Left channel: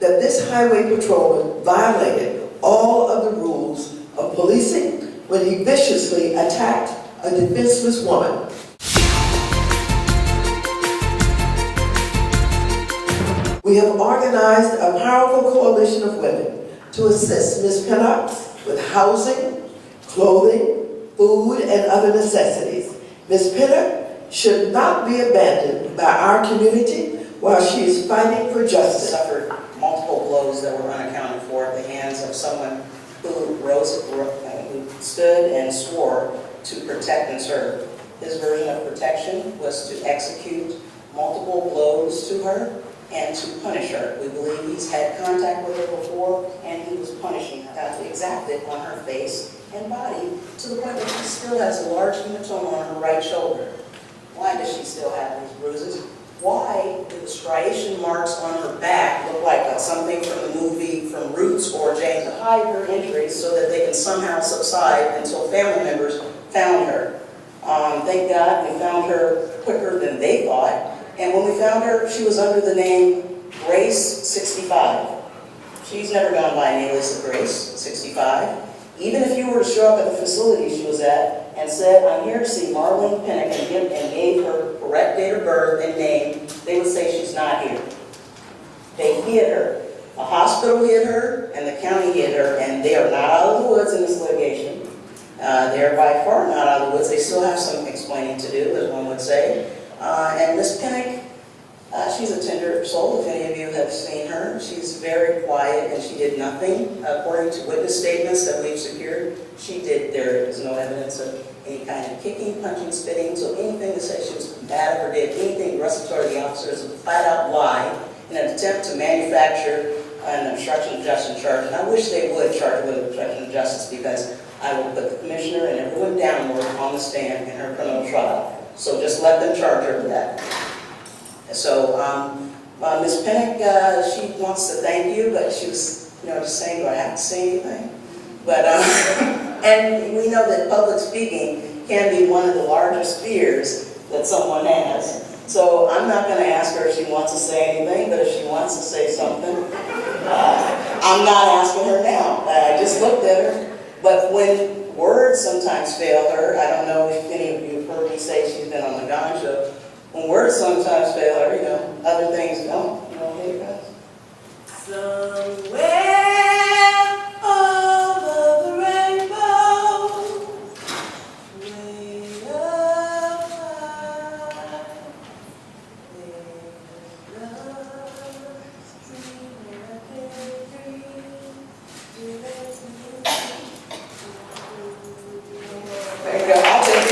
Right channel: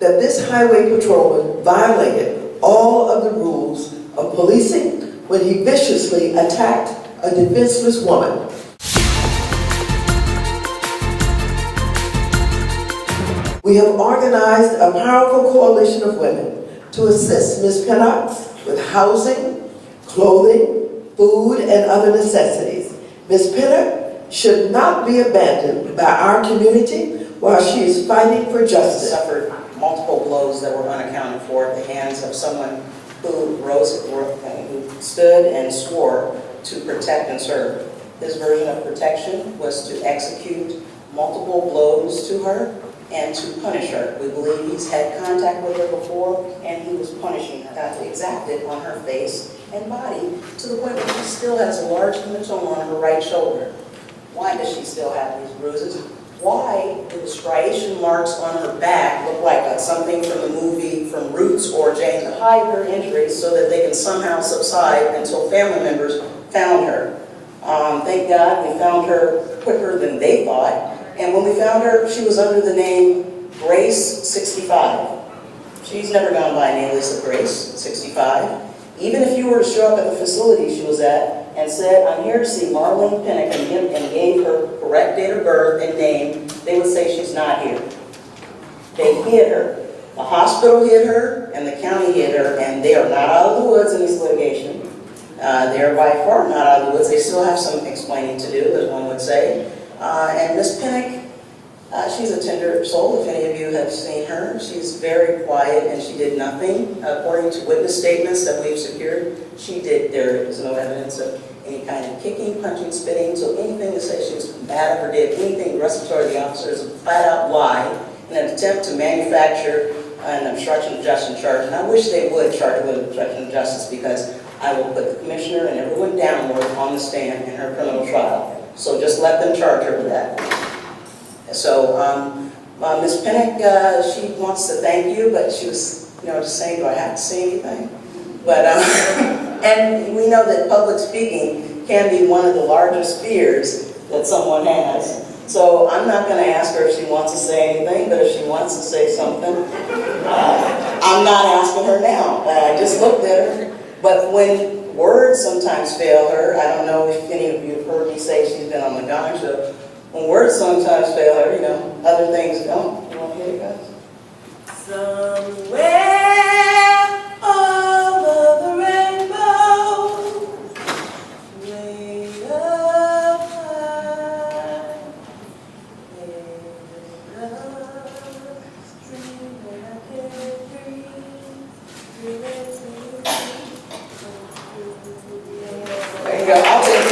that this highway patrolman violated all of the rules of policing when he viciously attacked a defenseless woman. We have organized a powerful coalition of women to assist Ms. Pinnock with housing, clothing, food, and other necessities. Ms. Pinnock should not be abandoned by our community while she is fighting for justice. Suffered multiple blows that were unaccounted for at the hands of someone who stood and swore to protect and serve. His version of protection was to execute multiple blows to her and to punish her. We believe he's had contact with her before, and he was punishing her. He exacted on her face and body to the point where she still has a large hematoma on her right shoulder. Why does she still have these bruises? Why do the striation marks on her back look like something from the movie from Roots or Jane, to hide her injuries so that they can somehow subside until family members found her? Thank God we found her quicker than they thought. And when we found her, she was under the name Grace 65. She's never gone by an alias of Grace 65. Even if you were to show up at the facility she was at and said, "I'm here to see Marlene Pinnock," and gave her correct date of birth and name, they would say she's not here. They hid her. The hospital hid her, and the county hid her, and they are not out of the woods in this litigation. They are by far not out of the woods. They still have some explaining to do, as one would say. And Miss Pinnock, she's a tender soul, if any of you have seen her. She's very quiet, and she did nothing. According to witness statements that we've secured, there is no evidence of any kind of kicking, punching, spitting, so anything to say she was combative or did anything aggressatory to the officers is a flat-out lie in an attempt to manufacture an obstruction of justice charge. And I wish they would charge her with obstruction of justice, because I will put the commissioner and everyone downward on the stand in her criminal trial. So just let them charge her with that. So Ms. Pinnock, she wants to thank you, but she was, just saying, do I have to say anything? But, and we know that public speaking can be one of the largest fears that someone has. So I'm not going to ask her if she wants to say anything, but if she wants to say something, I'm not asking her now. I just looked at her. But when words sometimes fail her, I don't know if any of you have heard me say she's been on the Gong Show. When words sometimes fail her, other things don't. You want to hear it, guys? Somewhere over the rainbow, way up high, there's love, dream that I can't dream. There you go. I'll take it.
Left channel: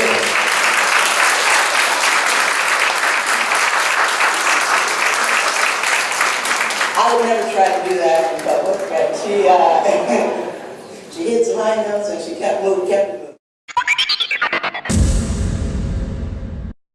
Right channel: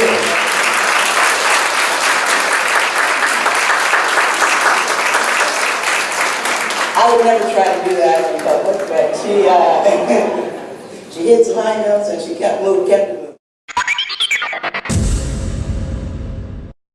I would never try to do that in public, but she hit some high notes and she kept